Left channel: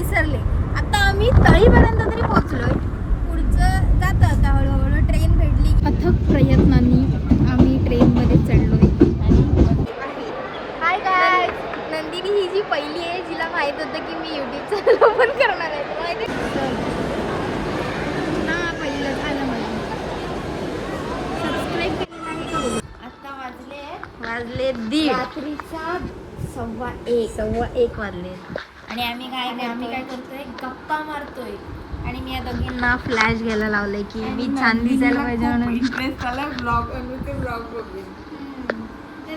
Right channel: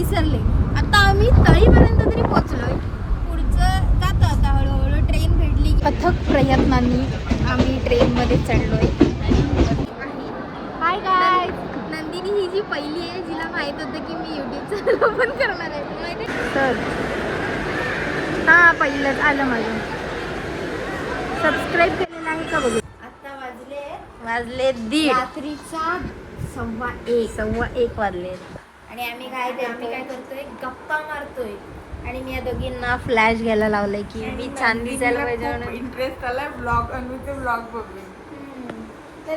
विसरले. आता आम्ही तळीपर्यंत तरी पोहोचलोय. पुढचं जातं आता हळूहळू. ट्रेन भेटली. अथक प्रयत्नांनी आम्ही ट्रेनमध्ये चढलोय. हाय गाईज, नंदिनी ही जी पहिली आहे जिला माहित होतं की मी युट्यूब चॅनल ओपन करणार आहे. माहिती हां पहिलंच आलं माझं. सबस्क्राईब केलेलं आहे का बघू. आता वाजले 1:30. रात्रीचा 1:15 वाजले. आणि आम्ही काय करतोय गप्पा मारतोय. आणि मी या दोघींना फ्लॅश घ्यायला लावलंय की मी छान दिसायला पाहिजे म्हणून.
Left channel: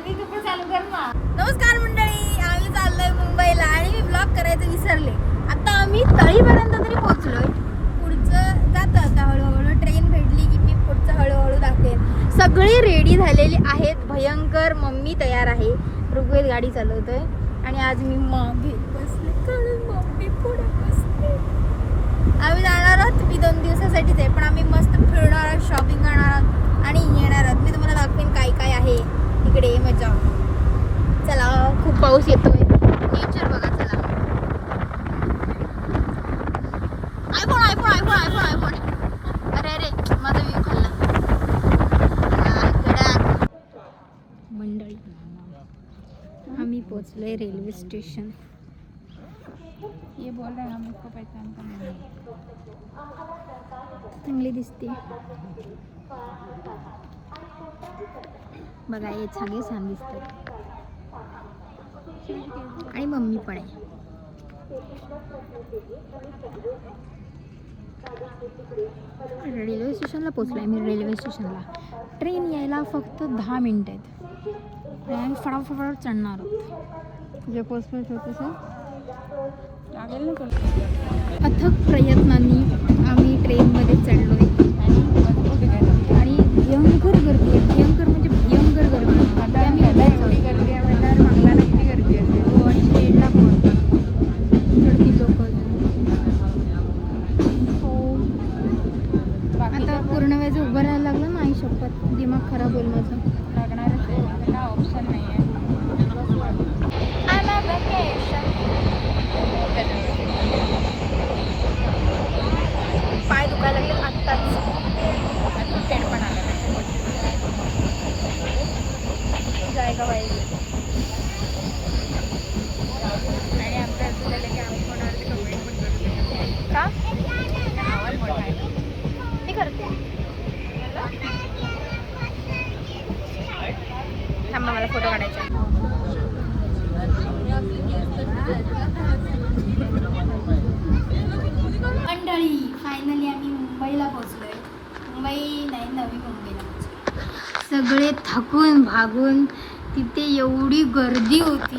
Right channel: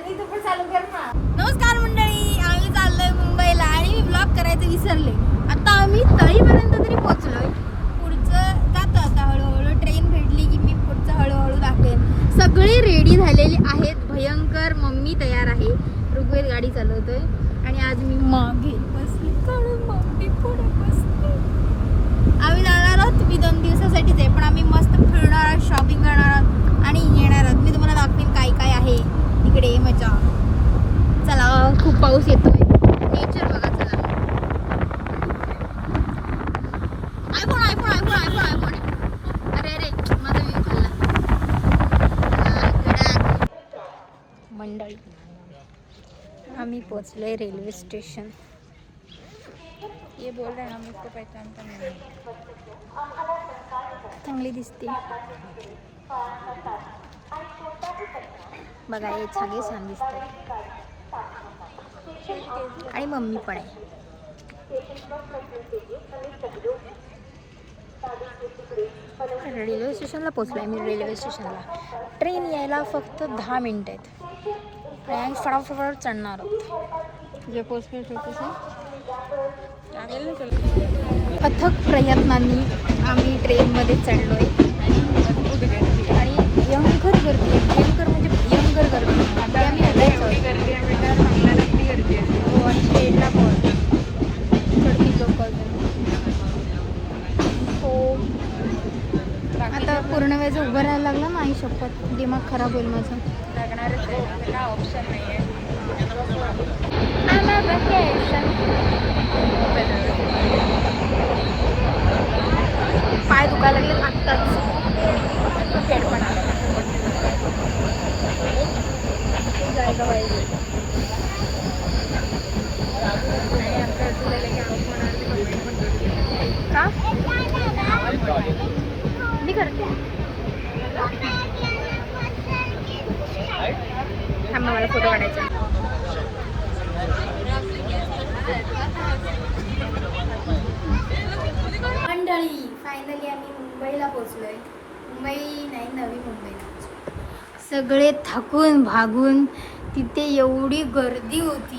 तू पण चालू कर ना. नमस्कार मंडळी, आम्ही चाललोय मुंबईला आणि मी ब्लॉग करायचं विसरले. आता आम्ही तळीपर्यंत तरी पोहोचलोय. पुढचं जातं आता हळूहळू. ट्रेन भेटली की मी पुढचं हळूहळू दाखवेन. सगळी रेडी झालेली आहेत. भयंकर. मम्मी तयार आहे. ऋग्वेद गाडी चालवतोय आणि आज मी मागे बसले कारण मम्मी पुढे बसले. आम्ही जाणार आहोत. मी 2 दिवसासाठीच आहे पण आम्ही मस्त फिरणार आहोत, शॉपिंग करणार आहोत आणि येणार आहोत. मी तुम्हाला दाखवेन काय काय आहे इकडे. मजा. चला, खूप पाऊस येतोय. नेचर बघा. चला. आयफोन. अरे माझा व्ह्यू खाल्ला. मंडळी आम्ही पोहोचलोय रेल्वे स्टेशन. ये बोल रहे हम इसको पहचानता नहीं. चांगली दिसते बघा. हे छान दिसतात. आणि मम्मी पण आहे. रेल्वे स्टेशनला पोहोचलोय मी. रेल्वे स्टेशनला ट्रेन यायला फक्त 10 मिनिट आहेत आणि आम्ही फटाफट चढणार आहोत. जे पोचमेंट होते अथक प्रयत्नांनी आम्ही ट्रेनमध्ये चढलोय आणि भयंकर गर्दी आहे. भयंकर म्हणजे भयंकर गर्दी. आम्ही हो आणि ट्रेनला पण चढती लोक. हो आता पूर्ण वेळेचं उभं राहायला लागलं ना. आई शपथ दिमाग खराब होईल माझं. लागणारच आहे. काय ऑप्शन नाही आहे. पाय दुखायला लागले आत्ताच. हेड पण आला जायगा पाहिजे. आणि आमचं असं झालं की आवाज फोनवरती कमेंट पण करू का. आवाज मोठा आहे. मी करते. थांबा मला फोटो काढायचा. मंडळी फायनली आम्ही मुंबईला पोहोचलोय. मुंबई नाही, नवी मुंबईला. सगळे थकून भागून. तिथे एवढी गर्दी होती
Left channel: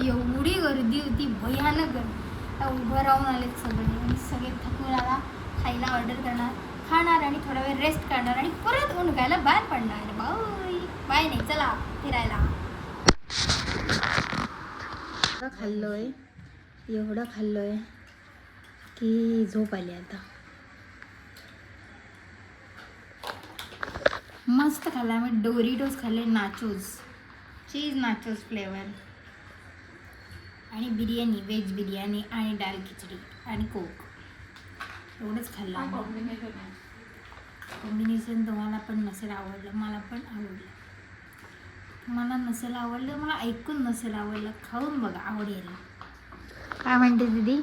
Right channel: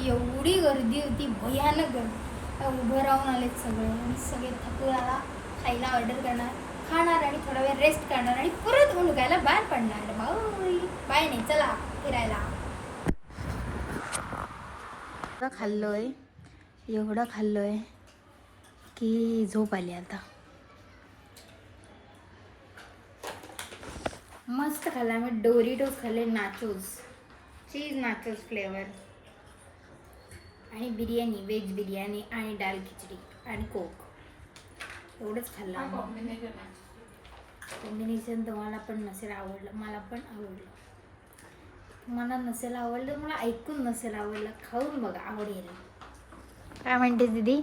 भयानक गर्दी. आता उभं राहून आलेत सगळे आणि सगळे थकून. आला खायला ऑर्डर करणार, खाणार आणि थोडा वेळ रेस्ट करणार आणि परत उंडकायला बाहेर पडणार. बाय नाही, चला फिरायला. एवढं खाल्लोय की झोप आली आता. मस्त खाल्ला. मग डोरिटोस खाल्ले, नाचोस, चीज नाचोस फ्लेवर आणि बिर्याणी, व्हेज बिर्याणी आणि डाळ खिचडी आणि कोक. एवढंच खाल्लं. कॉम्बिनेशन तुम्हाला पण नसेल आवडलं, मला पण आवडलं. तुम्हाला नसेल आवडलं, मला ऐकून नसेल आवडलं, खाऊन बघा, आवडेल. काय म्हणते दीदी.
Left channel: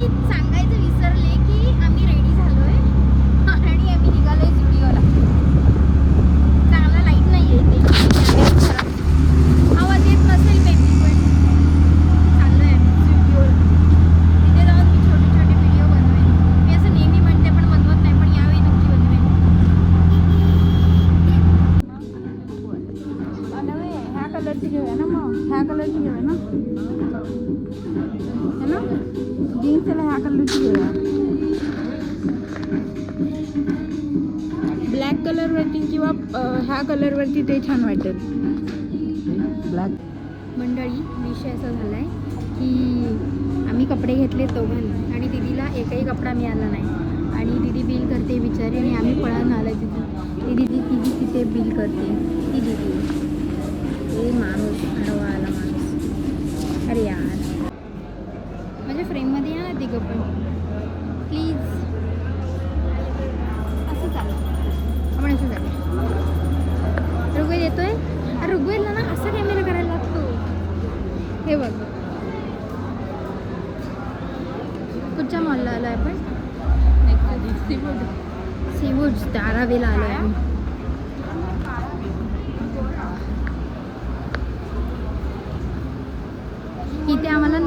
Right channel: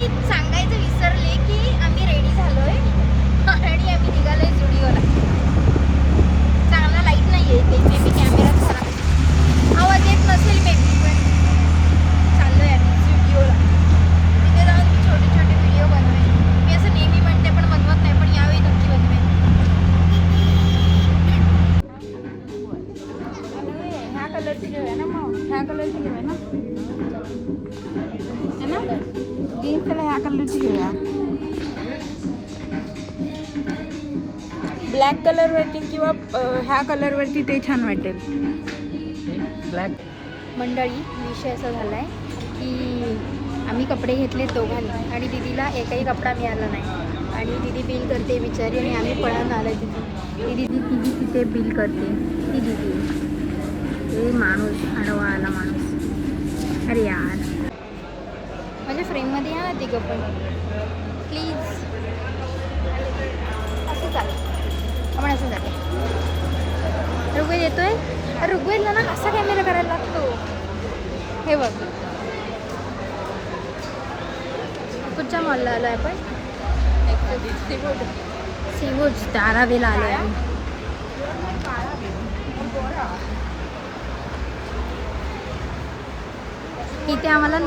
सांगायचं विसरले की आम्ही रेडी झालोय आणि आम्ही निघालोय स्टुडिओला. चांगला लाईट नाही आहे ते कॅमेरा खराब. आवाज येत नसेल मेबी पण चाललोय आम्ही स्टुडिओला. तिथे जाऊन मी छोटे छोटे व्हिडिओ बनवेन. मी असं नेहमी म्हणते पण बनवत नाही, पण यावेळी नक्की बनवेन. ह्या कलरची घेऊया ना. मग ह्या कलरची घेऊया ना. है ना जीन्सला ह्या कलरची घेऊया. ब्लॅक कलरवरती किंवा ह्या कलरवरती ते छान वाटेल. ब्लॅक. मंडळी विषय असा झाला आहे की आम्ही कपडे घेतले दोघांनी आणि दीदीला एकही कपडा मिळाला नाही. आणि दीदी बिल करते बिचारी आणि आम्ही पळून आलो तिथे. दीदी तिथे बिल करते ती दीदी. हे माणूस आडवा आला माणूस. अरे यार तिघं पण प्लीज. असं चालेल, आपण असं चालेल. ऋग्वेद येतोय. ऋग्वेदला ना असा कॅमेरा करायला लागतो. हे बघ, कुठच्या मॉलला आलो आपण? सीवूड धारावीला आलो. इथे आम्हाला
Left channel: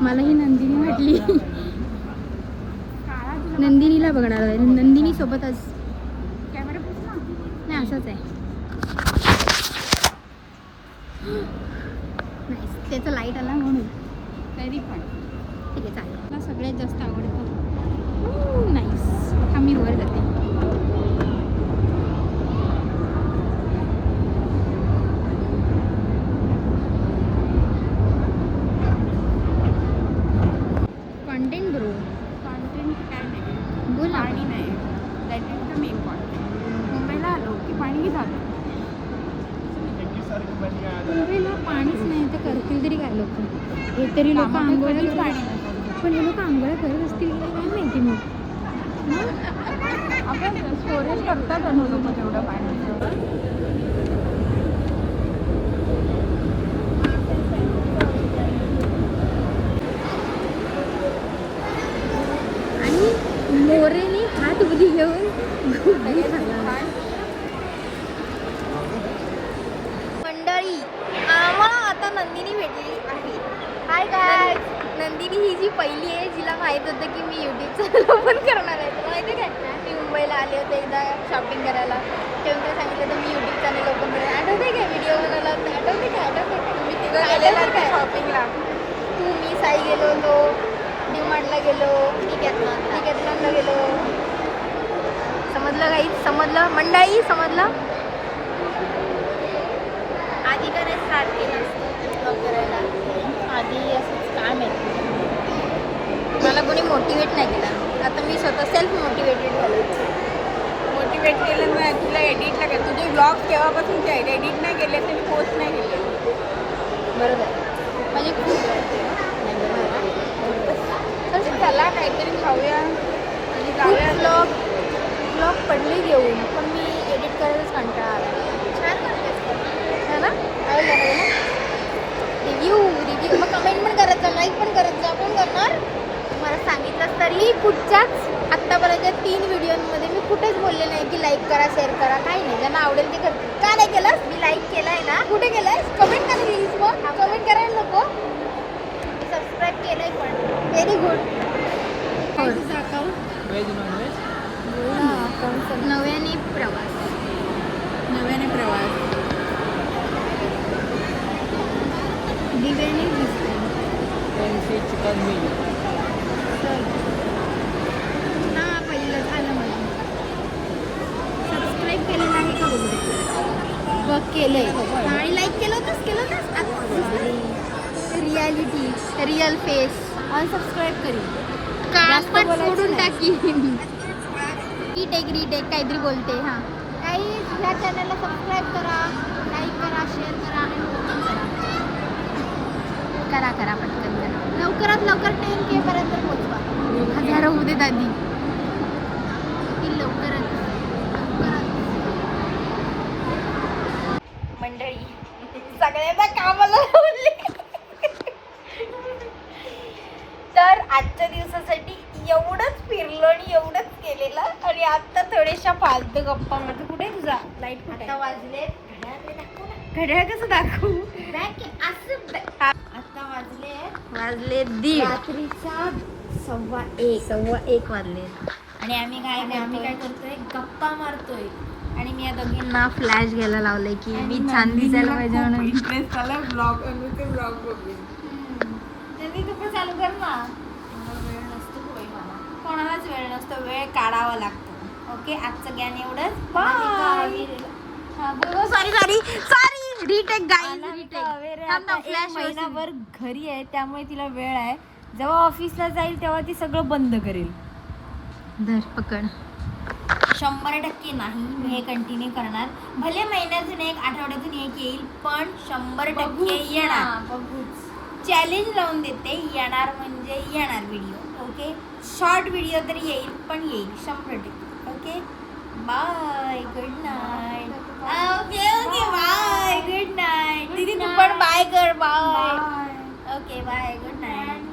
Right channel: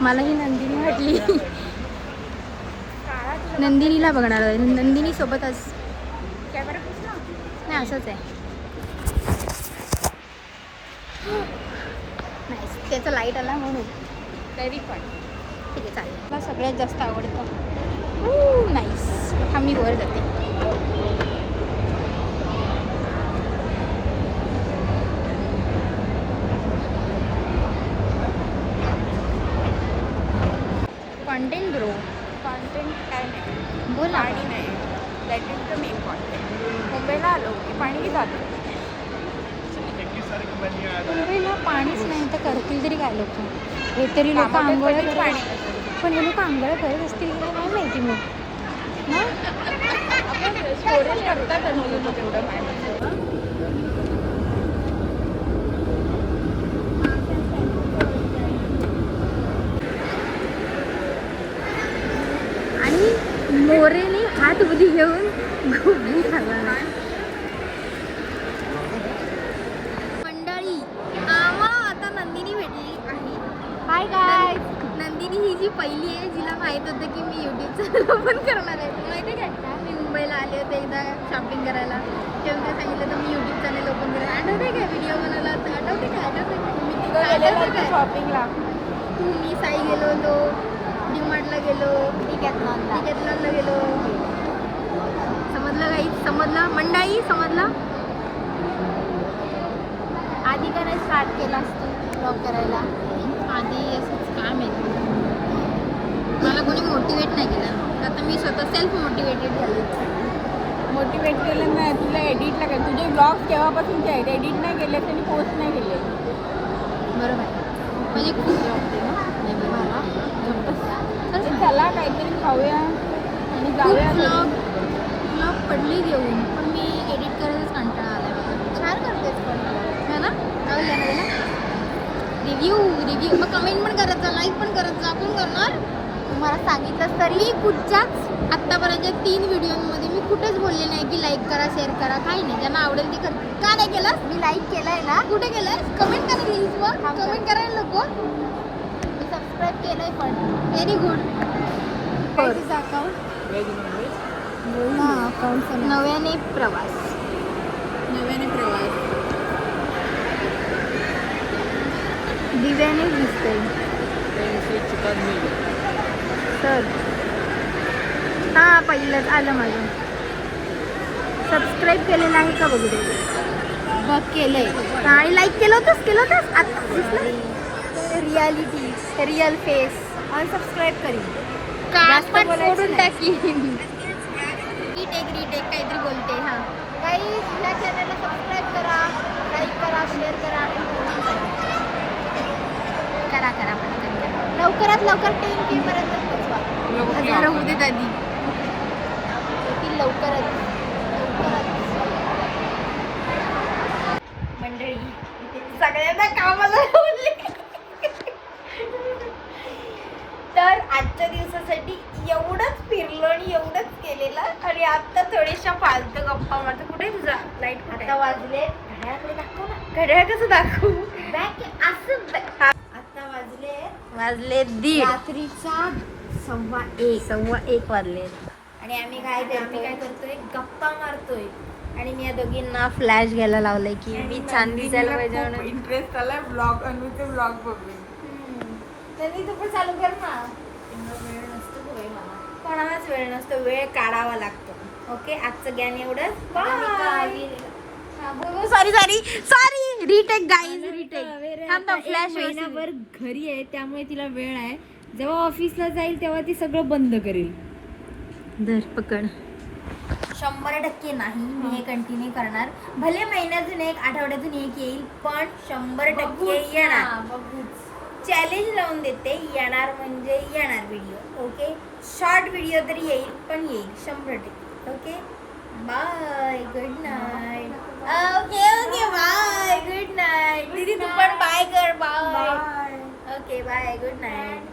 मला ही नंदिनी वाटली. नंदिनीला बघणार आहे. नंदिनी सोबतच कॅमेरा पुसला नाही, असंच आहे. त्याचा लाईट आला म्हणून. तरी पण ठीक आहे, चालेल. मला सगळ्यात जास्त आवडतं. नाईस. हा मी वर जाते. Content bro. कॉन्टेंट काय नाही, बोल. पाणी नाही. That is the main content. मुंबईला आलो की पाणी जातं. मुंबईला पाणीच नाही तर करतील तरी काय लोक? हे तरी लोक कामात आंघोळ कधीच करत- पाणी नसेल. पण हे लोक आंघोळ करत असतील की नाही काय माहिती मग. स्टोरेज करतात आणि लोक तेवढं पाणी. आणि मोरेने हात उदी घेऊन घुगरी खाल्ला. मंडळी, आम्हाला आता नंदिनी भेटलेली आहे. हाय काय. नंदिनी ही जी पहिली आहे जिला माहीत होतं की मी यूट्यूब चॅनल ओपन करणार आहे. तुला माहिती आहे काय? मी मुंबईला आले होते एकदा शॉपिंग करायला, तेव्हा ते सांगितलं तर मी यूट्यूब चॅनल ओपन करायला. आठवते काय व्हिडिओ बनवला होता? आठवते काय? मी तिकडे आठवते काय शॉपिंगला? तू मी साई गेलो होतो, डीमार्टला गेलो, डिकॅथलॉनला गेलो. समजलं काही? समजलं मंडळी? समजलं? आधी का नाही स्टार्ट केला असतो ब्लॉग करायला? आधी असंच काय माहिती, मला कोणी मोटिवेट नाही केलं. आता मी स्वतः सेल्फ मोटिवेटेड झाले. मोटिवेट केलं नाही तुला. एडिटला केलं. तुझे ब्लॉग केव्हापासूनचे आहेत? एडिट नाही केले त्यांनी पोस्ट नाही केले. बरोबर आहे. म्हणजे खूप वाटते ना. चला काहीतरी खाऊया आणि खूप जाऊया. ब्लॉग पडले घेऊन, पण मी एडिट करायलाच कंटाळा आला मला. छान करतेस पण, है ना? आवडलं ना तुला? रिव्ह्यू मग कमेंट पण करत जा, लाईक पण करत जा. कोण करणार? तुम्हाला सांगितलंच तरी. कुठच्याच आत्तापर्यंत 3 व्हिडिओमध्ये मी कुठेच बोलले नाही की लाईक करा, शेअर करा, काही नाही. ज्यांना आवडेल ते करतील. का नाही केलं? मी लाईक केलाय ना. कुठे केलंय? कमेंट करा प्लीज. मग कमेंट करायला नको. मी सबस्क्राईब केलंय पण. Very good. नव्याने प्रवास. दिव्याने दिसते. सर हां, पहिलंच आलं माझं. सबस्क्राईब केलेलं आहे का बघू दे. बघ केलंय. आणि लाईक केलं होतंस आता रियालिटी, रिअल फेस. अनसबस्क्राईब करीन. जास्त फोडून टाकीन. रिटेक काहीतरी बोलते. हां, काही ह्या चॅनलला सबस्क्राईब करा, लाईक करा, शेअर करा आणि कमेंट करा पटकन करा. लवकरात लवकर 10K पर्यंत पोहोचवा. 1000 होऊ देत आधी. लवकरच मंडळी, सगळ्यांना कामाला लावले. तर आजच्या दिवसासाठी एवढंच फिरलो आणि एवढंच केलेलं. आणि आता थोड्याशा फालतू गप्पा. माझं कुठे तुझा लाईट? आता वाजले. घड्याळाकडे दाखव ना. घड्याळ कसं दाखवू? आता वाजले 1:30. रात्रीचा 1:15 वाजले. आणि आम्ही काय करतोय? गप्पा मारतोय. आणि मी या दोघींना फ्लॅश घ्यायला लावलंय की मी छान दिसायला पाहिजे म्हणून. इंटरेस्ट आलाय ब्लॉग आणि मी ते ब्लॉग बघते. तू पण चालू कर ना. कोणालाच वेळ नसतो, वेळ काढावा लागतो. ओके, आजचं ज्ञान एवढंच. Bye. Sorry retake guys. Flash महिनाभर घरी आहे त्यामुळे तिला वेळ आहे. जेव्हा ऑफिसला जाईल तेव्हा ती सगळं बंद करेल. धर पकड. 100% नाही मी हे कंटिन्यू करणार. भले महिन्यातून एक, आठवड्यातून एक येईल, पण 100% येणार. चॅलेंज लावून देते, येणार म्हणजे येणार व्हिडिओ. ओके, शॉर्ट व्हिडिओ तरी येईल, पण येईल 100%. Okay, bye, good night. Okay okay, bye, good night. दीदी तू पण बाय कर. Bye. Okay, bye, good night.